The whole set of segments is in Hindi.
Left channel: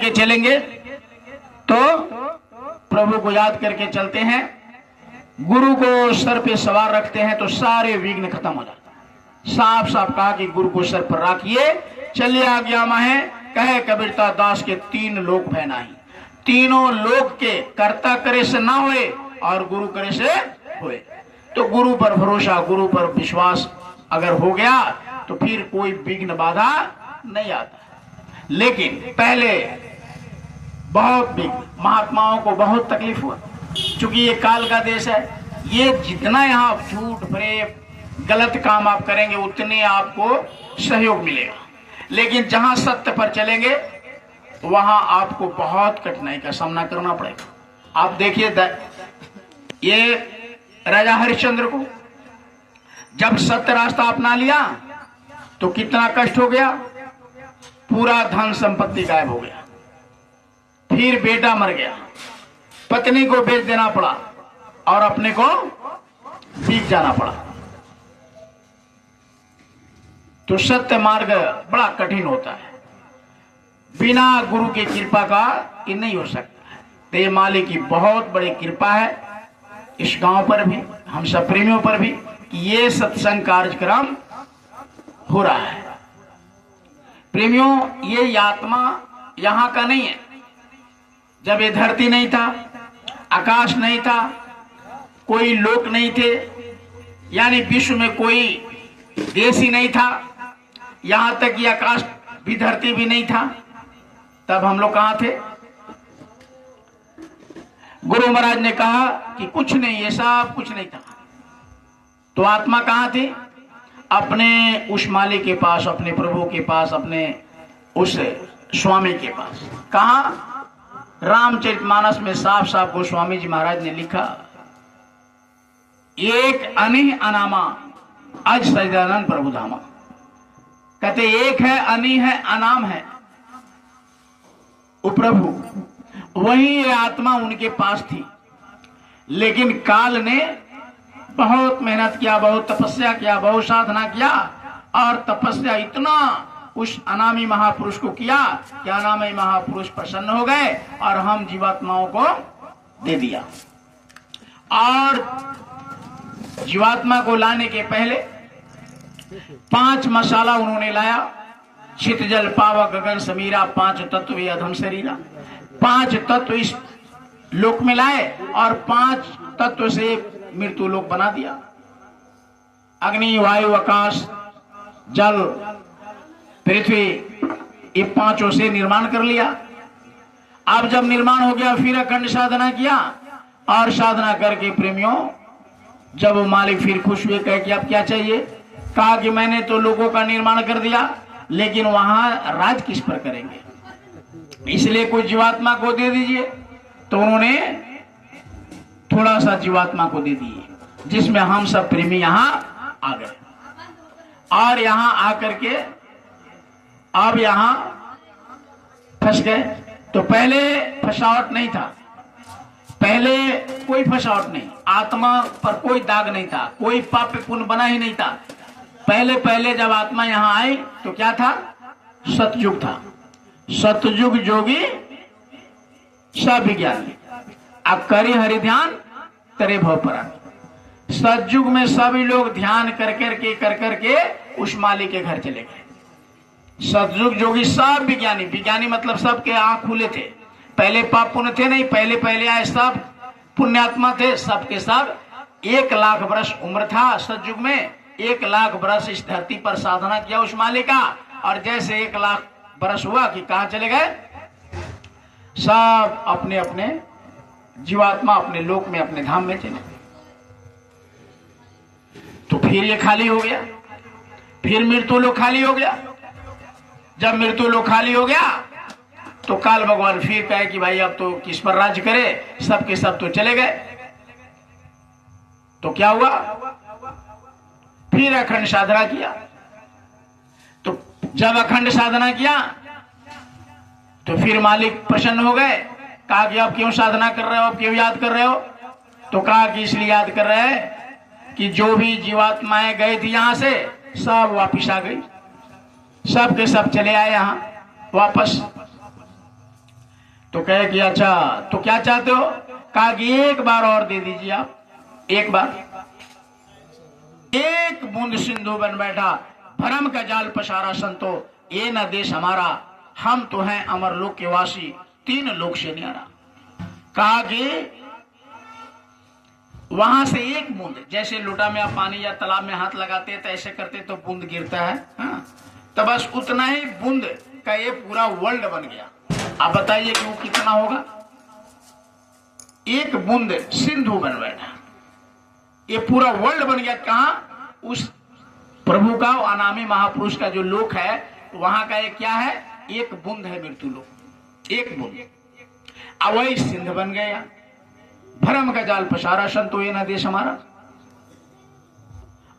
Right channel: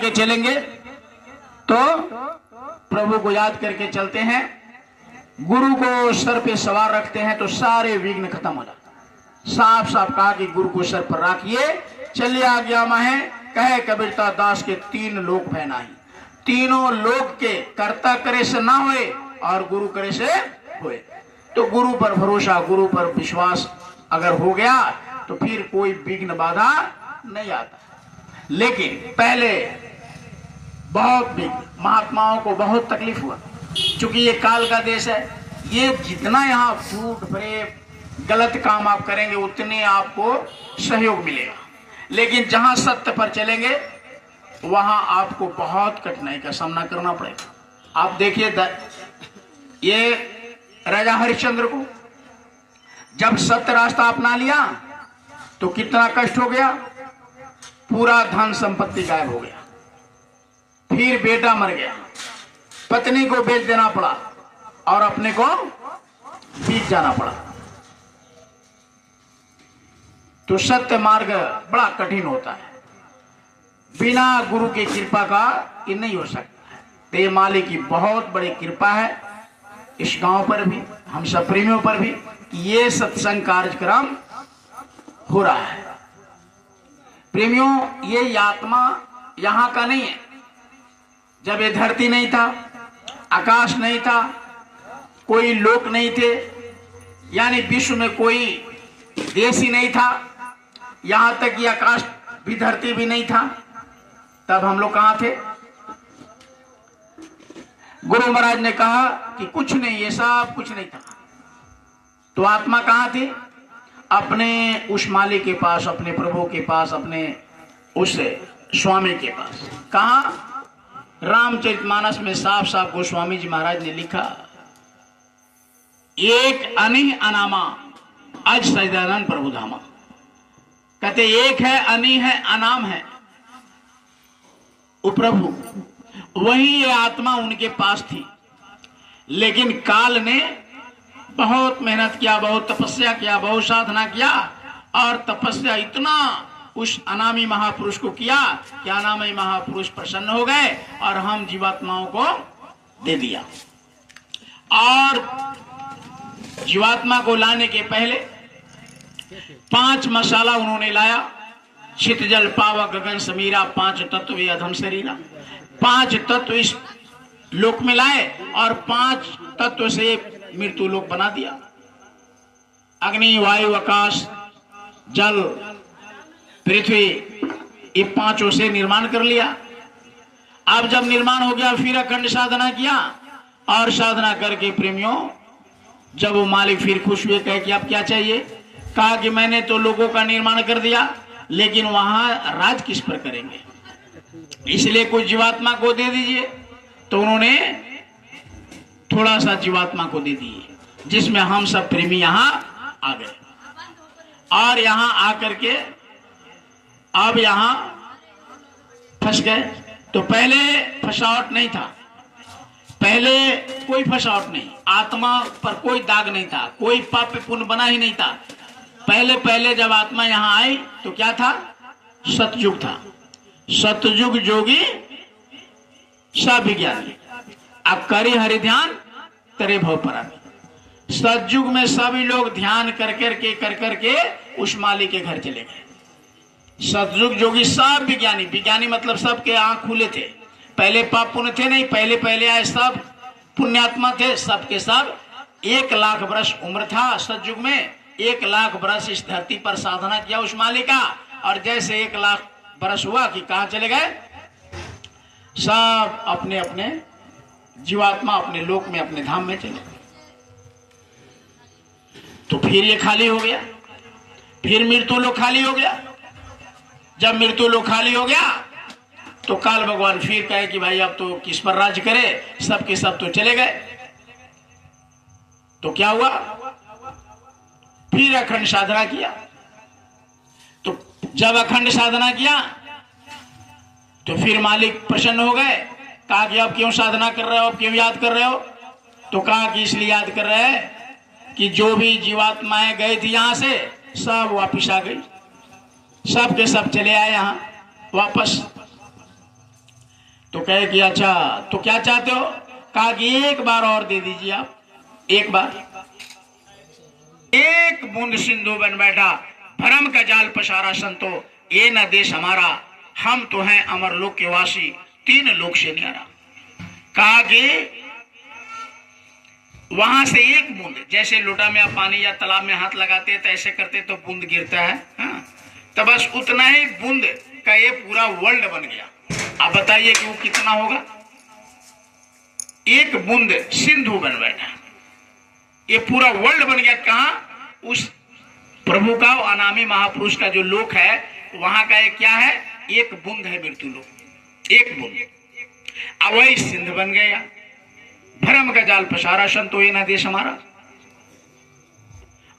के चलेंगे तो प्रभु को याद करके चलते हैं, गुरु को सर पे सवार रखते हैं तो सारे विघ्न खत्म हो जाता है। साफ साफ कहा कि गुरु को सर पर रखिए, चलिए आज्ञा है। कहे कबीरता दास के 3 लोक है नहीं, तीनों लोक के कर्ता करे से ना हुए और गुरु करे से हुए। तो गुरु पर भरोसा, गुरु पर विश्वास अगर हो गया तो फिर कोई विघ्न बाधा नहीं आता। लेकिन पहले बहुत महात्माओं को बहुत तकलीफ हुआ, क्योंकि ये काल का देश है। ये जितना यहाँ झूठ प्रेम गलत काम आप करेंगे उतने आपको सहयोग मिलेगा, लेकिन जहां सत्य पर चलेंगे वहां आपको बहुत कठिनाई का सामना करना पड़ेगा। आप देखिए ये राजा हरिश्चंद्र को जब सत्य रास्ता अपना लिया तो कितना कष्ट हो गया, पूरा धन संपत्ति गायब हो गया। फिर बेटा मर गया, पत्नी को बेच देना पड़ा और अपने को बीत जाना पड़ा। तो सत्य मार्ग बड़ा कठिन होता है, बिना गुरु की कृपा का ये नहीं हो सकता। तो ये मालिक की बहुत बड़ी कृपा है इस गांव पर भी, हम सब प्रेमियों पर भी, ये सत्संग कार्यक्रम हो रहा है। प्रेमियों, ये आत्मा यहां का नहीं है। जब ये धरती नहीं था, आकाश नहीं था, कोई लोक नहीं थे, यानी विश्व में कोई देश ही नहीं था, यहां तक कि आकाश भी धरती भी नहीं था, तब हम लोग कहां थे? गुरु महाराज ने कहा कि कुछ नहीं, ये सब कुछ नहीं था। तो आत्मा कहां थी? अपने उस मालिक के पास, अपने प्रभु के पास, अपने उस स्वामी के पास। कहा? रामचरितमानस में साफ साफ गोस्वामी जी महाराज ने लिखा, एक अनिह अनामा अज सजदानंद प्रभु धामा। कहते एक है, अनि है, अनाम है, वो प्रभु। वही ये आत्मा उनके पास थी, लेकिन काल ने बहुत मेहनत किया, बहुत तपस्या किया, बहुत साधना किया, और तपस्या इतना उस अनामी महापुरुष को किया कि अनामी महापुरुष प्रसन्न हो गए और हम जीवात्माओं को दे दिया। और जीवात्मा को लाने के पहले 5 मसाला उन्होंने लाया, चित जल पावक गगन समीरा, 5 तत्व ये अधम शरीरा। 5 तत्व इस लोक में लाए और 5 तत्व से मृत्यु लोक बना दिया। अग्नि, वायु, आकाश, जल, पृथ्वी, ये 5 से निर्माण कर लिया। अब जब निर्माण हो गया फिर अखंड साधना किया, और साधना करके प्रेमियों जब वो मालिक फिर खुश हुए, कहे कि अब क्या चाहिए? कहा कि मैंने तो लोगों का निर्माण कर दिया, लेकिन वहां राज किस पर करेंगे, इसलिए कुछ जीवात्मा को दे दीजिए। तो उन्होंने थोड़ा सा जीवात्मा को दे दिए, जिसमें हम सब प्रेमी यहां आ गए। और यहां आकर के अब यहां फंस गए। तो पहले फंसावट नहीं था, पहले कोई फंसावट नहीं, आत्मा पर कोई दाग नहीं था, कोई पाप पुण्य बना ही नहीं था। पहले पहले जब आत्मा यहां आई तो क्या था? सतयुग था। सतयुग जोगी सब विज्ञानी, अब करे हरि ध्यान करे भव परानी। सतयुग में सभी लोग ध्यान कर करके उस मालिक के घर चले गए। सतयुग जोगी सब विज्ञानी, विज्ञानी मतलब सबके आंख खुले थे। पहले पाप पुण्य थे नहीं, पहले पहले आए सब पुण्यात्मा थे, सबके सब 1 लाख वर्ष उम्र था सतयुग में। 1 लाख वर्ष इस धरती पर साधना किया उस मालिक का, और जैसे 1 लाख वर्ष हुआ कि कहां चले गए? सब अपने अपने जीवात्मा अपने लोक में, अपने धाम में चले। तो फिर ये खाली हो गया, फिर मृत्यु लोक खाली हो गया। जब मृत्यु लोक खाली हो गया तो काल भगवान फिर कहे कि भाई अब तो किस पर राज्य करे, सबके सब तो चले गए। तो क्या हुआ? फिर अखंड साधना किया। तो जब अखंड साधना किया तो फिर मालिक प्रसन्न हो गए। कहा कि अब क्यों साधना कर रहे हो, अब क्यों याद कर रहे हो? तो कहा कि इसलिए याद कर रहे हैं कि जो भी जीवात्माएं गई थी यहां से सब वापिस आ गई, सब के सब चले आए यहां वापस। तो कहे कि अच्छा तो क्या चाहते हो? कहा कि एक बार और दे दीजिए आप, एक बार। एक बूंद सिंधु बन बैठा, भरम का जाल पसारा संतो, ये न देश हमारा, हम तो हैं अमर लोक के वासी, तीन लोक से न्यारा। कहा कि वहां से एक बूंद, जैसे लोटा में आप पानी या तालाब में हाथ लगाते तो ऐसे करते तो बूंद गिरता है, हाँ? तो बस उतना ही बूंद का ये पूरा वर्ल्ड बन गया। आप बताइए कि वो कितना होगा? एक बूंद सिंधु बन बैठा, ये पूरा वर्ल्ड बन गया। कहा? उस प्रभु का, अनामी महापुरुष का जो लोक है, वहां का एक क्या है? एक बूंद है मृत्यु लोक, एक बूंद। अब वही सिंध बन गया। भरम का जाल पसारा संतो, ये न देश हमारा।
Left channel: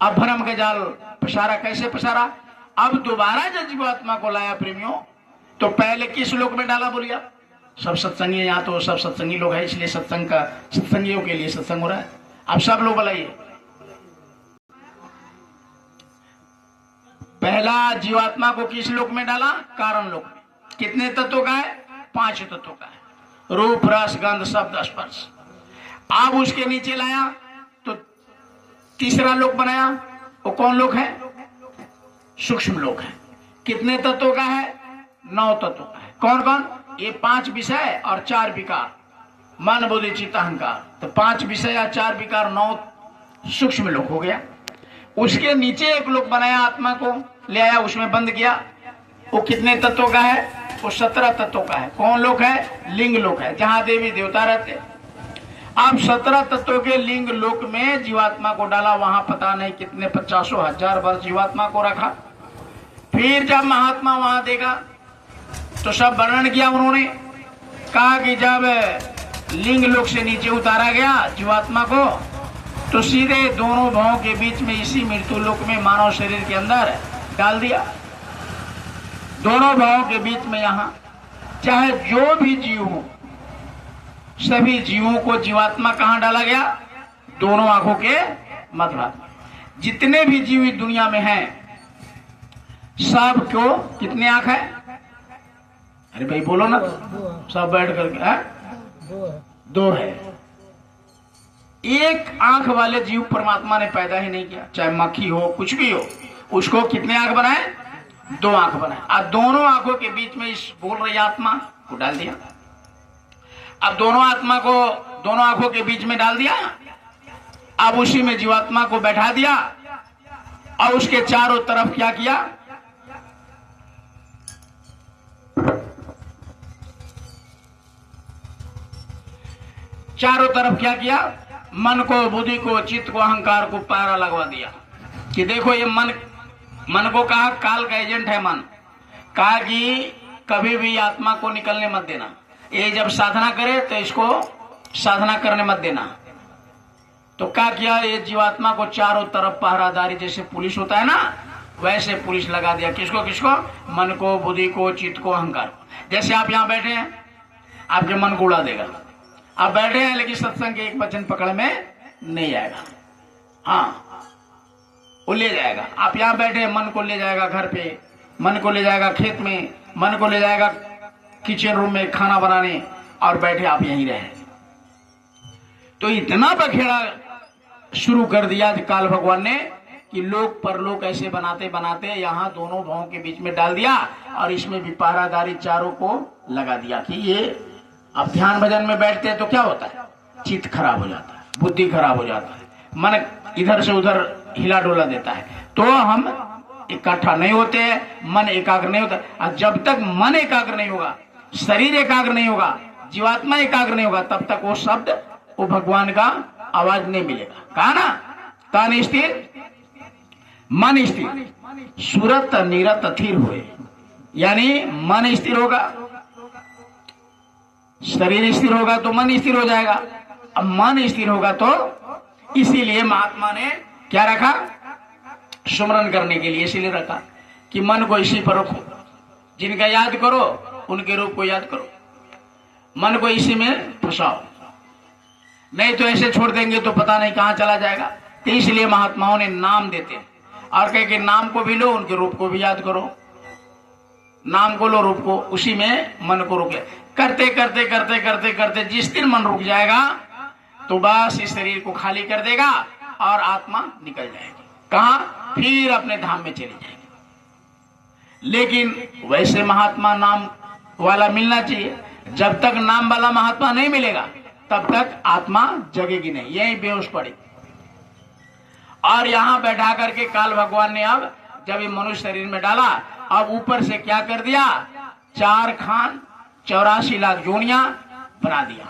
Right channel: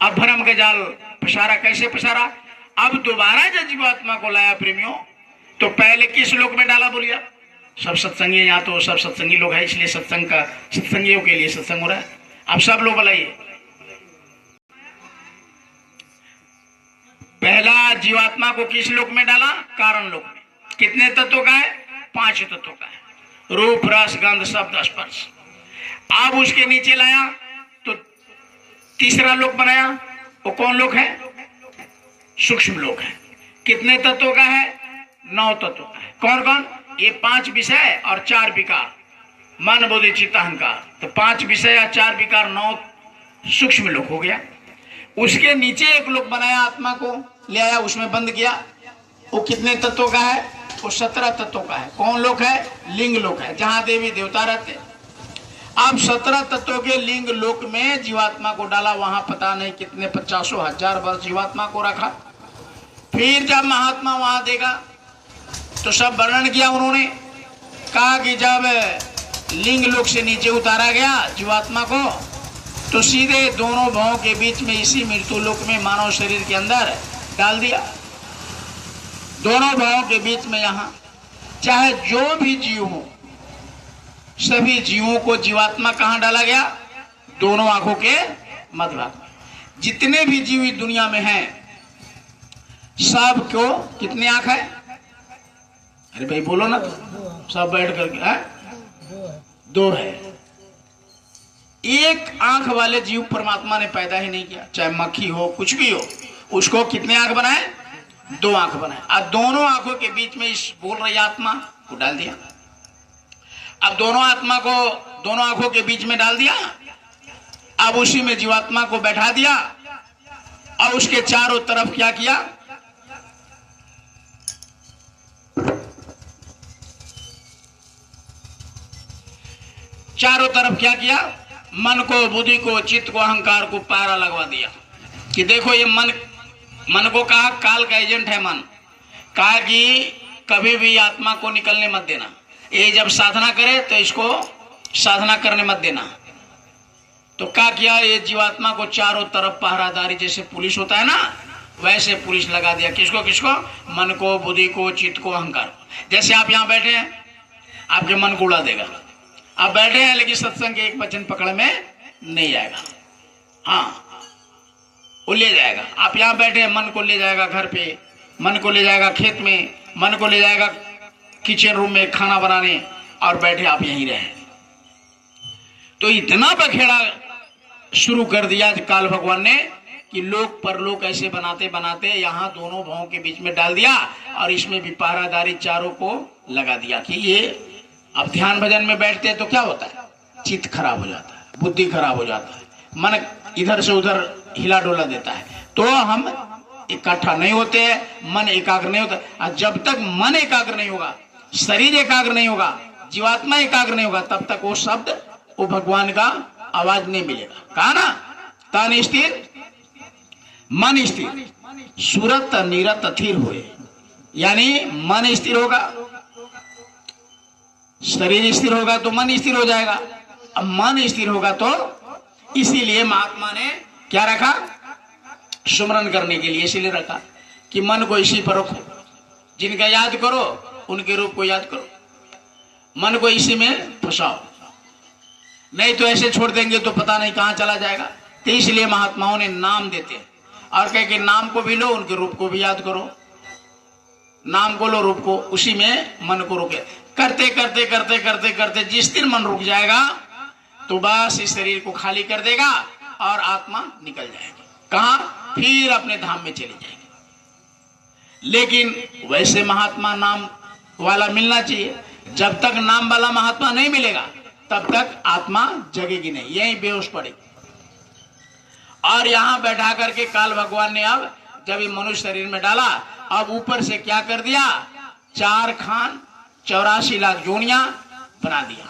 अब भरम का जाल पसारा, कैसे पसारा? अब दोबारा जब जीवात्मा को लाया प्रेमियों, तो पहले किस लोक में डाला बोलिए? सब सत्संगी, यहाँ तो सब सत्संगी लोग हैं, इसलिए सत्संग का, सत्संगियों के लिए सत्संग हो रहा है। अब सब लोग बुलाइए। पहला जीवात्मा को किस लोक में डाला? कारण लोक में। कितने तत्वों का है? 5 तत्वों का है, रूप रस गंध शब्द स्पर्श। अब उसके नीचे लाया तो तीसरा लोक बनाया, वो कौन लोक है? सूक्ष्म लोक है। कितने तत्वों का है? 9 तत्वों का है। कौन कौन? ये 5 विषय और 4 विकार, मन बुद्धि चित्त अहंकार। तो 5 विषय और 4 विकार, 9 सूक्ष्म लोक हो गया। उसके नीचे एक लोक बनाया, आत्मा को ले आया, उसमें बंद किया। वो कितने तत्वों का है? वो 17 तत्वों का है। कौन लोक है? लिंग लोक है, जहां देवी देवता रहते। अब 17 तत्वों के लिंग लोक में जीवात्मा को डाला, वहां पता नहीं कितने 50,000 वर्ष जीवात्मा को रखा। फिर जब महात्मा वहां देखा तो सब वर्णन किया उन्होंने। कहा कि जब लिंग लोक से नीचे उतारा गया जीवात्मा को, तो सीधे दोनों भावों के बीच में, इसी मृत्यु लोक में मानव शरीर के अंदर डाल दिया। दोनों भावों के बीच में, यहां चाहे जो भी जीव हो, सभी जीवों को जीवात्मा कहां डाला गया? दोनों आंखों के मध्य भाग में। जितने भी जीव इस दुनिया में हैं, सब को कितने आंख है? अरे भाई बोलो ना, तो सब बैठ करके 2 है। एक आंख वाले जीव परमात्मा ने पैदा ही नहीं किया, चाहे मक्खी हो, कुछ भी हो, उसको कितने आंख बनाए? 2 आंख बनाए। और दोनों आंखों के बीच में इस बोल रही आत्मा को डाल दिया। अब दोनों आत्मा को दोनों आंखों के बीच में डाल दिया। अब उसी में जीवात्मा को बैठा दिया और उसके चारों तरफ क्या किया? चारों तरफ क्या किया? मन को, बुद्धि को, चित्त को, अहंकार को पहरा लगवा दिया कि देखो ये मन को कहा काल का एजेंट है मन। कहा कि कभी भी आत्मा को निकलने मत देना, ये जब साधना करे तो इसको साधना करने मत देना। तो क्या किया? ये जीवात्मा को चारों तरफ पहरादारी, जैसे पुलिस होता है ना, वैसे पुलिस लगा दिया। किसको किसको? मन को, बुद्धि को, चित्त को, अहंकार को। जैसे आप यहाँ बैठे हैं, आपके मन को उड़ा देगा। आप बैठे हैं लेकिन सत्संग के एक वचन पकड़ में नहीं आएगा, हाँ वो ले जाएगा। आप यहाँ बैठे हैं, मन को ले जाएगा घर पे, मन को ले जाएगा खेत में, मन को ले जाएगा किचन रूम में खाना बनाने, और बैठे आप यहीं रहे। तो इतना बखेड़ा शुरू कर दिया काल भगवान ने कि लोक परलोक ऐसे बनाते बनाते यहाँ दोनों भावों के बीच में डाल दिया, और इसमें भी पहरादारी चारों को लगा दिया कि ये अब ध्यान भजन में बैठते हैं तो क्या होता है? चित्त खराब हो जाता है, बुद्धि खराब हो जाता है, मन इधर से उधर हिला डोला देता है, तो हम इकट्ठा नहीं होते हैं, मन एकाग्र नहीं होता। और जब तक मन एकाग्र नहीं होगा, शरीर एकाग्र नहीं होगा, जीवात्मा एकाग्र नहीं होगा, तब तक वो शब्द, वो भगवान का आवाज नहीं मिलेगा। कहा ना, तन स्थिर मन स्थिर, सूरत निरत थिर हुए। यानी मन स्थिर होगा, शरीर स्थिर होगा तो मन स्थिर हो जाएगा। अब मन स्थिर होगा तो इसीलिए महात्मा ने क्या रखा? सुमरन करने के लिए इसीलिए रखा कि मन को इसी पर रखो, जिनका याद करो उनके रूप को याद करो, मन को इसी में फंसाओ, नहीं तो ऐसे छोड़ देंगे तो पता नहीं कहां चला जाएगा। तो इसलिए महात्माओं ने नाम देते हैं और कह के नाम को भी लो, उनके रूप को भी याद करो। नाम को लो, रूप को, उसी में मन को रोके। करते करते करते करते करते जिस दिन मन रुक जाएगा तो बस इस शरीर को खाली कर देगा और आत्मा निकल जाएगी। कहां? फिर अपने धाम में चली जाएगी। लेकिन वैसे महात्मा नाम वाला मिलना चाहिए। जब तक नाम वाला महात्मा नहीं मिलेगा तब तक आत्मा जगेगी नहीं, यही बेहोश पड़ेगी। और यहां बैठा करके काल भगवान ने अब जब ये मनुष्य शरीर में डाला, अब ऊपर से क्या कर दिया, 4 खान 84 लाख जोनियां बना दिया।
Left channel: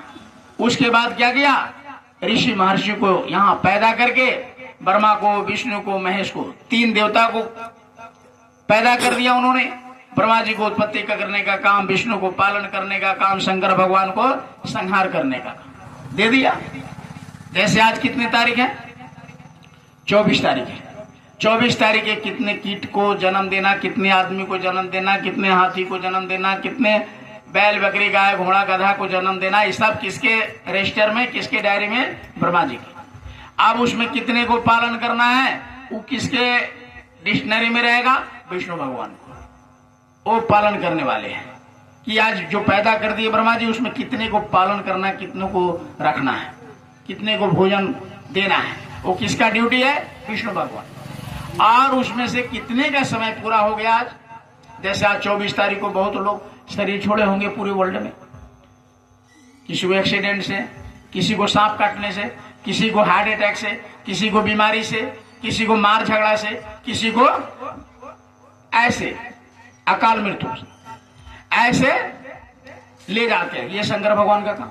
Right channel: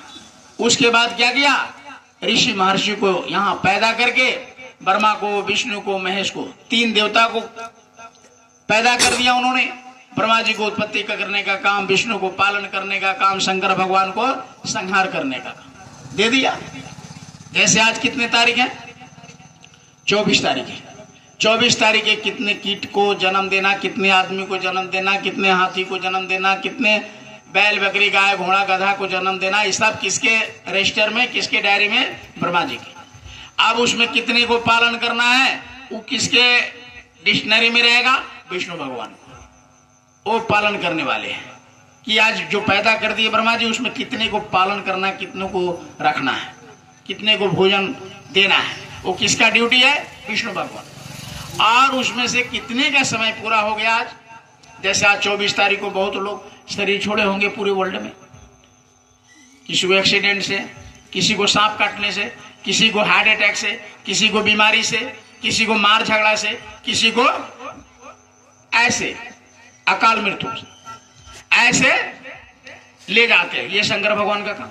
उसके बाद क्या किया, ऋषि महर्षि को यहां पैदा करके ब्रह्मा को, विष्णु को, महेश को, 3 देवता को पैदा कर दिया उन्होंने। ब्रह्मा जी को उत्पत्ति करने का काम, विष्णु को पालन करने का काम, शंकर भगवान को संहार करने का काम दे दिया। जैसे आज कितनी तारीख है, 24 तारीख है। 24 तारीख है कितने कीट को जन्म देना, कितने आदमी को जन्म देना, कितने हाथी को जन्म देना, कितने बैल बकरी गाय घोड़ा गधा को जन्म देना, ये सब किसके रजिस्टर में, किसके डायरी में, ब्रह्मा जी के। अब उसमें कितने को पालन करना है, वो किसके डिक्शनरी में रहेगा, विष्णु भगवान को। वो पालन करने वाले हैं कि आज जो पैदा कर दिए ब्रह्मा जी, उसमें कितने को पालन करना है, कितने को रखना है, कितने को भोजन देना है, वो किसका ड्यूटी है, विष्णु भगवान। और उसमें से कितने का समय पूरा हो गया आज। जैसे आज 24 तारीख को बहुत लोग शरीर छोड़े होंगे पूरे वर्ल्ड में, किसी को एक्सीडेंट से, किसी को सांप काटने से, किसी को हार्ट अटैक से, किसी को बीमारी से, किसी को मार झगड़ा से, किसी को ऐसे अकाल मृत्यु से, ऐसे ले जाते हैं। ये शंकर भगवान का काम।